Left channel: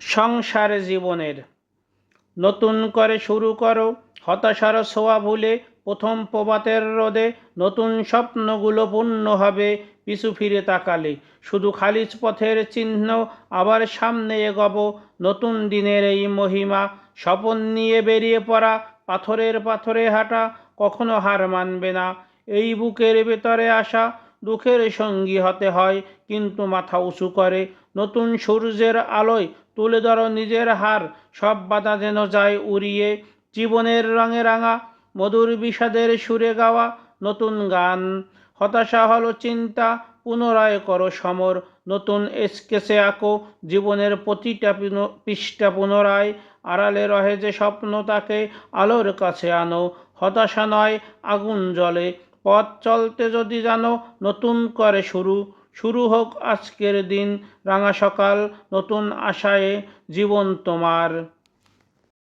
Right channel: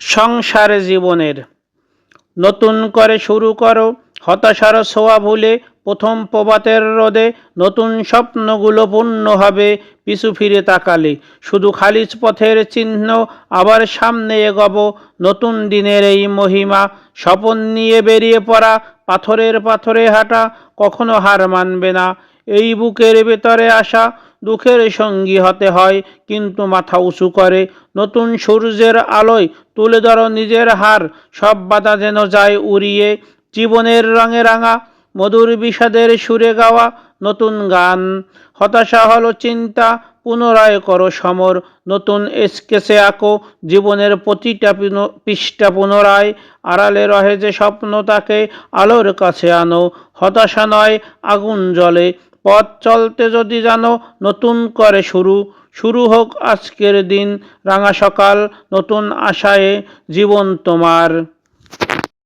সংসার জীবনের। নতুন করে শুরু করো, হতাশার ছোঁয়া ভুলে প্রথম প্রবাতের রোদে নতুন স্বপ্নগুলো পূর্ণ হবে পিছু ফিরে তাকালে। শুধু খালিজ পথের চিহ্ন আবার সামনে এগোব, নতুন দিনের এই মহিমা। স্বপন নিয়ে বেরিয়ে পড়া, পাথরের পাথরে হাঁটা কখনো হার মানবে না। এই বুকের ভেতরে আসা দুঃখের সঙ্গী হতে হয়, কিন্তু মাথা উঁচু করে। নতুন সূর্যের আলোয় তুলে ধরো নিজের হার। সব বাধা যেন যায় উড়িয়ে। জীবনের রঙে রাঙা, মধুর বিষাদের সুরে গাওয়া নতুন গান। হতাশা হলো চিন্তা, পুনরায় করো সমর। নতুন স্কেচে আঁকো জীবনের প্রতিটা পৃষ্ঠা পুনরায়। আড়ালে রহে যে স্বপ্ন, তাকে আলোর কাছে আনো। হতাশা নয়, আগুন জ্বলে। পথ চলতে যদি জানো, নতুন করে শুরু। শুরু হোক আজকের দিন, রাঙা সকাল, নতুন আশায় জীবন তোমার।